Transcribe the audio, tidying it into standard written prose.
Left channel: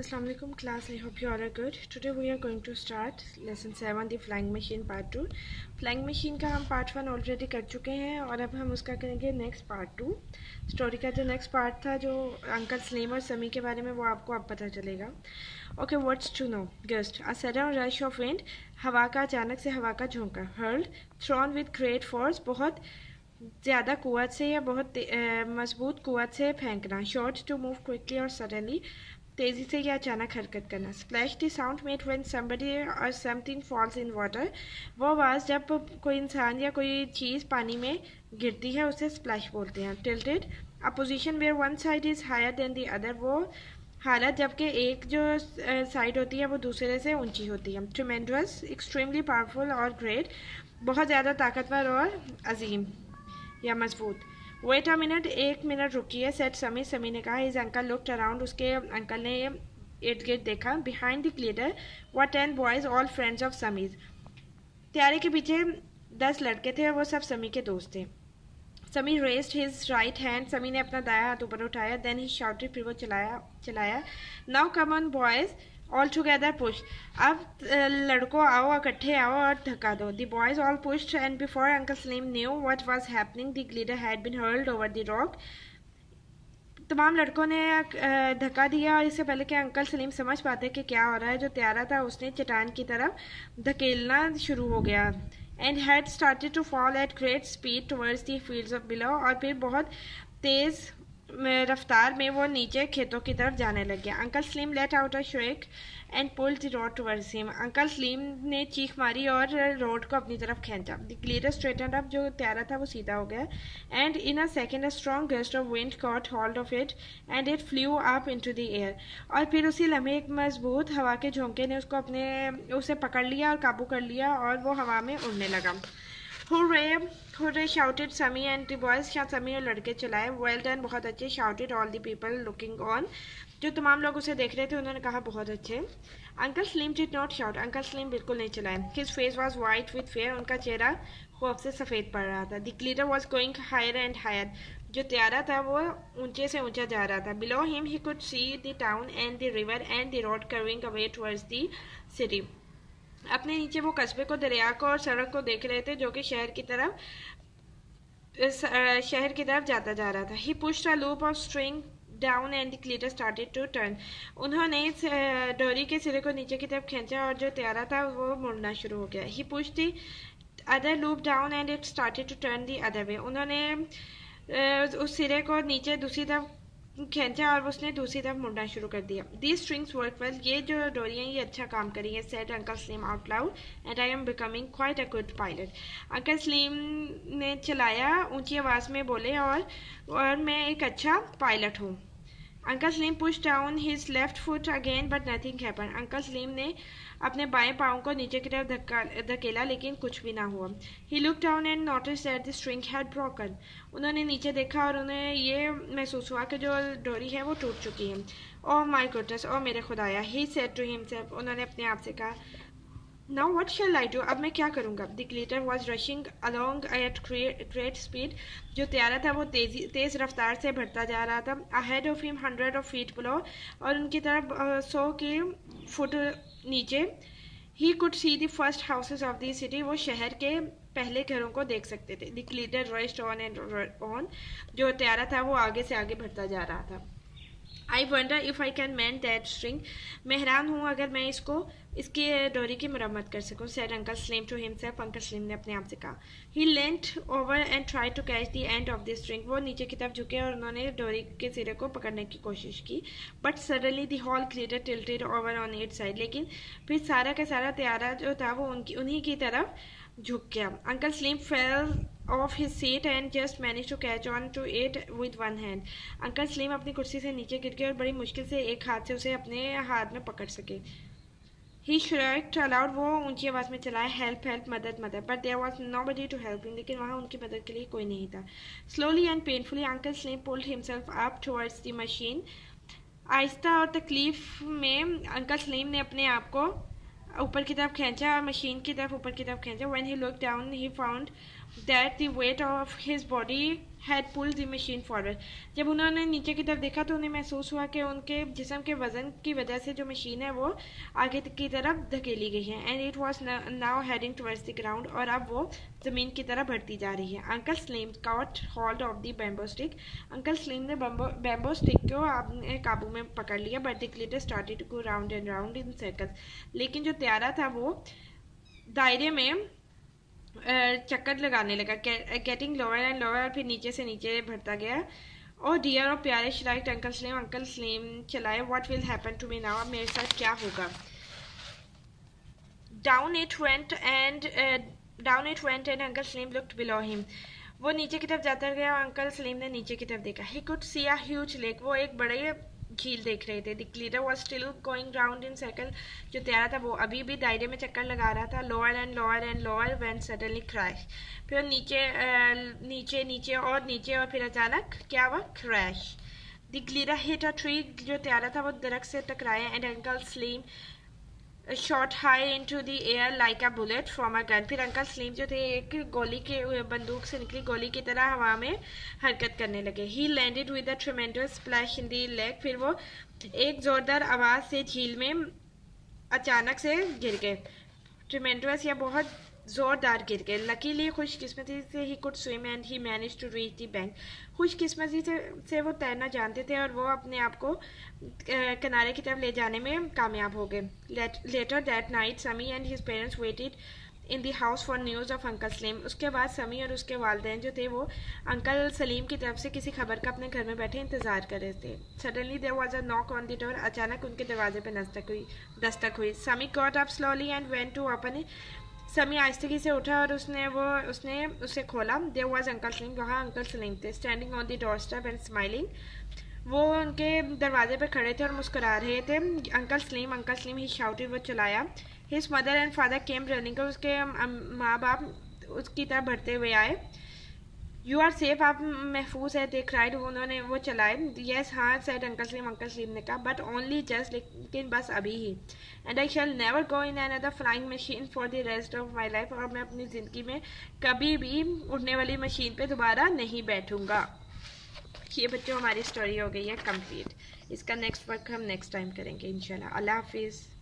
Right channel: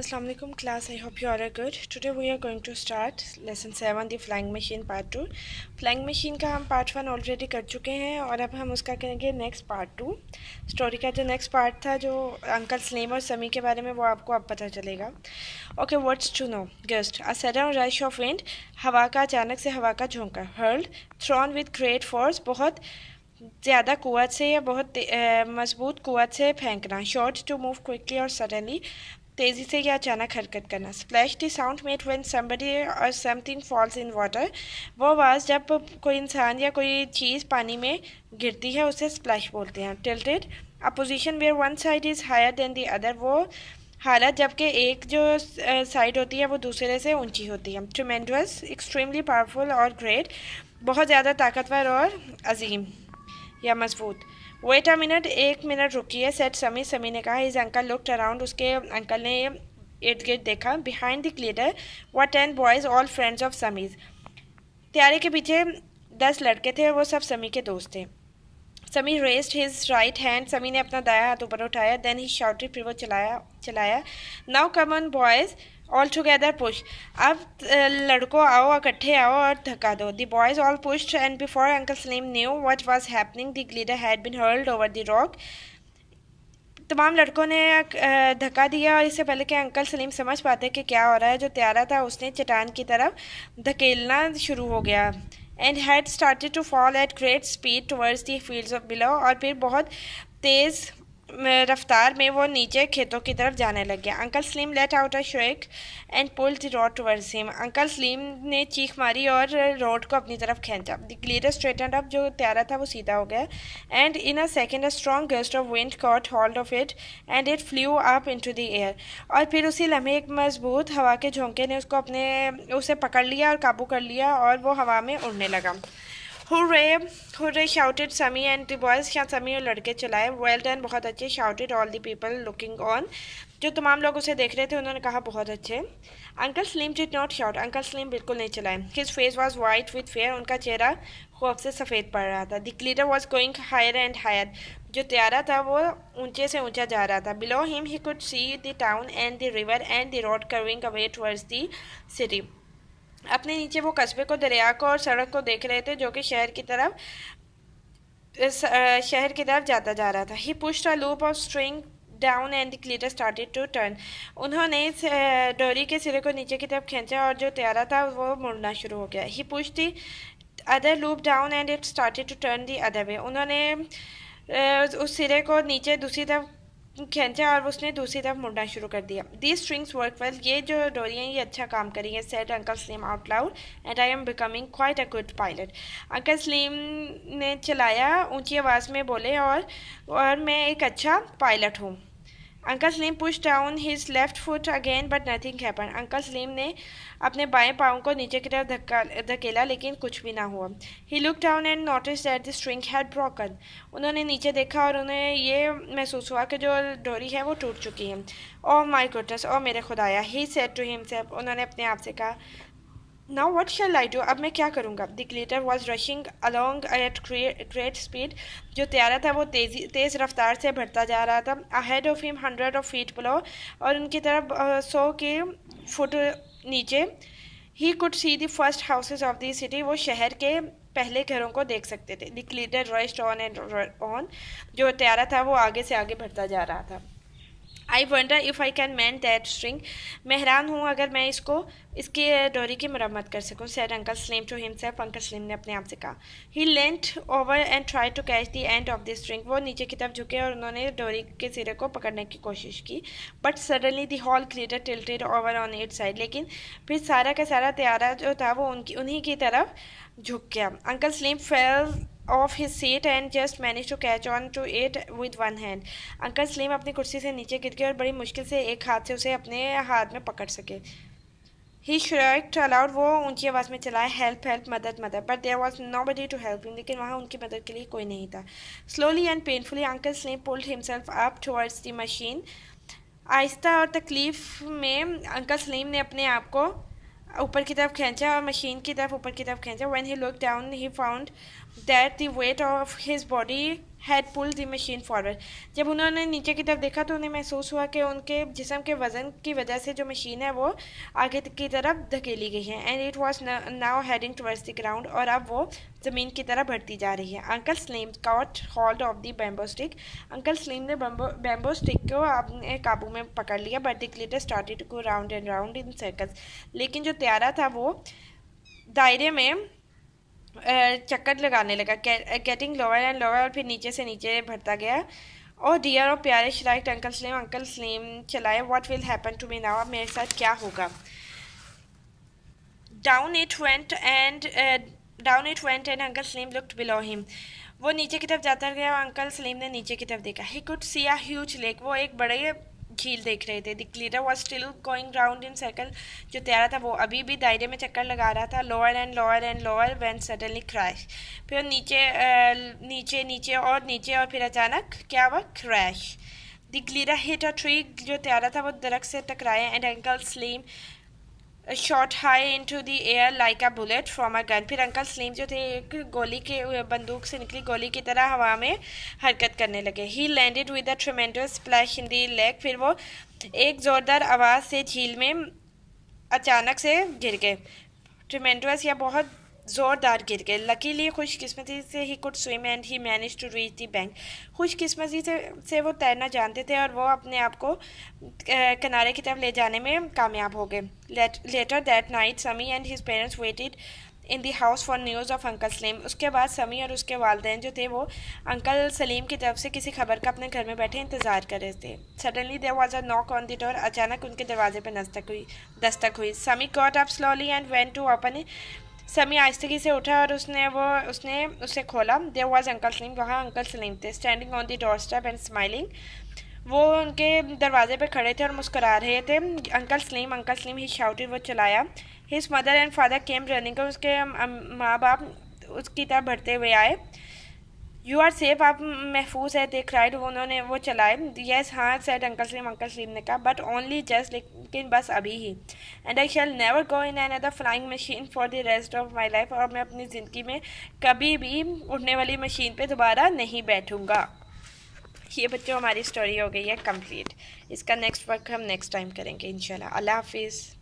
Assalamu alaikum class. I hope you all are good. Today we are going to start lesson 7 the flying machine part 2. Flying machine का हम part 1 already कर चुके हैं और अब हम उसका करेंगे नेक्स्ट पार्ट 2. स्टोरी का जो नेक्स्ट पार्ट था जो अंकल सलीम और समी के बारे में वो आपको अब पता चलेगा. Okay, what's to know. Gust a sudden rush of wind, हवा का अचानक से हवा का झोंका. Hurled thrown with great force, बहुत ज़्यादा कुव्वत से या बहुत मजबूत कुव्वत से फेंकना. शॉर्ट टू मूव क्विकली और सडनली, तेज़ी से या अचानक हरकत करना. Splash the sound made when somebody और समथिंग फॉल्स इन वाटर, वो आवाज़ जब कोई इंसान या कोई चीज़ पानी में गिरती है उसे स्प्लैश बोलते हैं. Tilted a position where one side is higher than the other, वो हालत जबकि एक जो साइड होती है वो दूसरे से ऊंची होती है. ट्रिमेंडस एक्सट्रीमली पावरफुल और ग्रेट, बहुत ज़्यादा ताकतवर और अजीम या मजबूत. वेट अ मिनट, एक मिनट रुकिए. सेट समी, समी ने कहा. हिज अंकल लुक्ड अराउंड, उसके अंकल ने इर्द गिर्द देखा. Behind the glitter were 10 boys all friends of समीज, त्यारे के पीछे 10 लड़के थे और वो सब समी के दोस्त थे. समी रेस्ड हिज राइट हैंड, समी ने अपना दाया हाथ ऊपर उठाया. देन ही शाउटेड, फिर वो चलाया. Now come on boys all together push, अब लड़कों आओ, इकट्ठे आओ और धक्का दो. The boys all pushed and before uncle Salim knew what was happening the glitter had been hurled over the rock. तमाम लड़कों ने धक्का दिया और इससे पहले कि अंकल सलीम समझ पाते कि क्या हो रहा है, जो त्यारा था उसने चट्टान की तरफ धकेलना शुरू हो गया. And had started to fall at great speed towards the fields of below, और फिर बहुत तेज़ रफ्तार में वो नीचे खेतों की तरफ जाने लग गया. Uncle Salim let out a shake and pulled the road towards him, uncle Salim ने चीख मारी और रोड को अपनी तरफ खींचा. द ग्लिटर स्ट्रेटनड अप, जो त्यारा था वो सीधा हो गया. And in a second a strong gust of wind cot hold of it and it flu up into the air, और फिर उसी लम्हे एक मजबूत हवा के झोंके ने उसे पकड़ लिया और काबू कर लिया और वो हवा में उड़ने लगा. हुर्रे हुर्रे शाउटेड समी एंड द बॉयज़, क्या समी और लड़के चलाए. वेल डन, बहुत अच्छे. Shouted all the people looking on, जो तमाम लोग उसे देख रहे थे उन्होंने कहा बहुत अच्छे. Uncle Salim did not shout, uncle Salim बिल्कुल नहीं चलाए. His face was white with fear, उनका चेहरा खौफ से सफ़ेद पड़ रहा था. The glitter was going higher and higher, जो त्यारा था वो ऊंचे से ऊंचा जा रहा था. Below him he could see the town and the river and the road curving away towards the city. अपने नीचे वो कस्बे को, दरिया को और सड़क को देख रहे थे जो कि शहर की तरफ जाता जा रहा था. He pushed a loop of string down and the glitter started to turn, उन्होंने डोरी के सिरे को नीचे की तरफ खींचा और जो त्यारा था वो मुड़ना शुरू हो गया. He pushed the other loop down and it started to turn the other way, उन्होंने उस सिरे को नीचे दूसरी तरफ खींचा और उसने दूसरी तरफ मुड़ना शुरू कर दिया. दी स्ट्रिंग्स वर्क वेल, ये जो डोरियाँ ये अच्छा काम करी है. Said uncle Salim out loud and I am becoming quite a good pilot, uncle Salim ने चलाया ऊंची आवाज़ में बोले और मैं एक अच्छा पायलट हूँ. Uncle Salim push down his left foot again but nothing happen, uncle Salim ने अपने बाएं पाँव को नीचे की तरफ धकेला लेकिन कुछ भी ना हुआ. He look down and notice that the string had broken, उन्होंने नीचे देखा और उन्हें ये महसूस हुआ कि जो डोरी है वो टूट चुकी है. ओह माय गुडनेस, ओह मेरे खुदाया. ही सेड टू हिमसेल्फ, उन्होंने अपने आप से कहा. Now what shall I do, अब मैं क्या करूँगा. The glitter was rushing along at great speed, जो त्यारा था वो तेज़ रफ्तार से बढ़ता जा रहा था. Ahead of him 100 of feet below, और उनकी तरफ 100 के फुट नीचे. He could see the first houses of the city, वो शहर के पहले घरों को देख सकते थे. The glitter rushed on and on, जो त्यारा था वो आगे से आगे बढ़ता जा रहा था. I wonder if I can man that string, मैं हैरान हूँ अगर मैं इसकी डोरी की मरम्मत कर सकूँ. Said uncle Salim to himself, uncle Salim ने अपने आप से कहा. He leant over and try to catch the end of the string, वो नीचे की तरफ झुके और उन्होंने डोरी के सिरे को पकड़ने की कोशिश की. But suddenly the whole glitter tilted over on it side, लेकिन फिर सारा का सारा त्यारा जो था वो उन्हीं की तरफ झुक गया. Uncle Salim fell off his seat and just manage to catch on to it with one hand, uncle Salim अपनी कुर्सी से नीचे गिर गए और बड़ी मुश्किल से एक हाथ से उसे अपने हाथ में पकड़ सके. ही श्राइक्ड अलाउड, वो ऊंची आवाज़ में चलाया. हेल्प हेल्प, मदद मदद. But there was nobody to help him, लेकिन वहाँ उनकी मदद के लिए कोई नहीं था. Slowly and painfully uncle Salim pulled himself up towards the machine, आहिस्ता और तकलीफ में अंकल सलीम ने अपने आप को ऊपर की तरफ खींचा और मशीन की तरफ ऊपर की तरफ खींचा. When he look down he found, that the weight of his body had pulled the machine forward. जब उन्होंने नीचे की तरफ देखा तो उन्हें महसूस हुआ कि उनके जिस्म के वज़न की वजह से जो मशीन है वो आगे की तरफ धकेली गई है. And it was now heading towards the ground, और अब वो ज़मीन की तरफ बढ़ती जा रही है. Uncle slim caught hold of the bamboo stick. Uncle slim ने बैम्बो स्टिक को अपने काबू में पकड़ लिया. But the glitter started to go round and round in circles. लेकिन जो त्यारा था वो दायरे में चक्कर लगाने लगा. गेटिंग लोअर एंड लोअर, और फिर नीचे से नीचे बढ़ता गया. और डियर और प्यारे श्राइट अंकल स्लिम चलाए. What will happen to me now, अब मेरे साथ क्या होगा. Down it went and uncle Salim looked below him. वो नीचे की तरफ जाता गया और अंकल सलीम ने नीचे की तरफ देखा. He could see a huge lake. वो एक बड़े झील देख रहे थे. The glitter was still going round in circle. जो त्यारा था वो अभी भी दायरे में चक्कर लगा रहा था. lower and lower when suddenly crash. फिर नीचे नीचे और फिर अचानक क्या हुआ, crash. The glitter hit a tree. जो त्यारा था वो दरख्त से टकराया. And uncle slim shot high into the air like a bullet from a gun. फिर अंकल स्लीम जो थे एक गोली के बंदूक से निकली गोली की तरह हवा में हरकत करने लगे. ही landed with a ट्रेमेंडस splash in the lake. फिर वो एक ज़ोरदार आवाज़ से झील में अचानक से गिर गए. ट्रेमेंडस या बहुत ज़ोरदार गिर गए. लकीली खुशकिस्मती से he could swim and he manage to reach the bank. खुशकिस्मती से वो तैरना जानते थे और वो अपने आप को किनारे की तरफ ले जाने में कामयाब हो गए. Later that night Sami and his parents waited in the house for news of uncle Salim. उसके बाद समी और उसके वालिदैन जो थे वो अंकल सलीम की तरफ से किसी खबर का अपने घर में बैठे इंतज़ार कर रहे थे. Suddenly there was a knock on the door. अचानक उनके दरवाजे पर दस्तक हुई. Sami got up slowly and went to open it. Sami आहिस्तगी से उठा और उसने उसे खोला. There was uncle Salim. वहाँ अंकल सलीम थे. Standing on the doorstep and smiling. वो उनके दरवाजे पे खड़े थे और मुस्कुरा रहे थे. अंकल सलीम ही शाउटेड. वो चलाया. His mother and father came running. उसके माँ बाप उसकी तरफ बढ़ते हुए आए. यू आर सेफ, आप महफूज है. दे क्राइड. उन्होंने वो चलाए. येस हाँ सेड अंकल सलीम ने कहा. बट ओनली जस्ट, लेकिन बस अभी ही. And I shall never go in another flying machine for the rest of my life. और मैं अपनी ज़िंदगी में कभी भी उड़ने वाली मशीन पे दोबारा नहीं बैठूँगा. ये बच्चों हमारी स्टोरी हो गई है कंप्लीट. इसका नेक्स्ट वर्क हम नेक्स्ट टाइम करेंगे इंशाल्लाह. अल्लाह हाफिज़.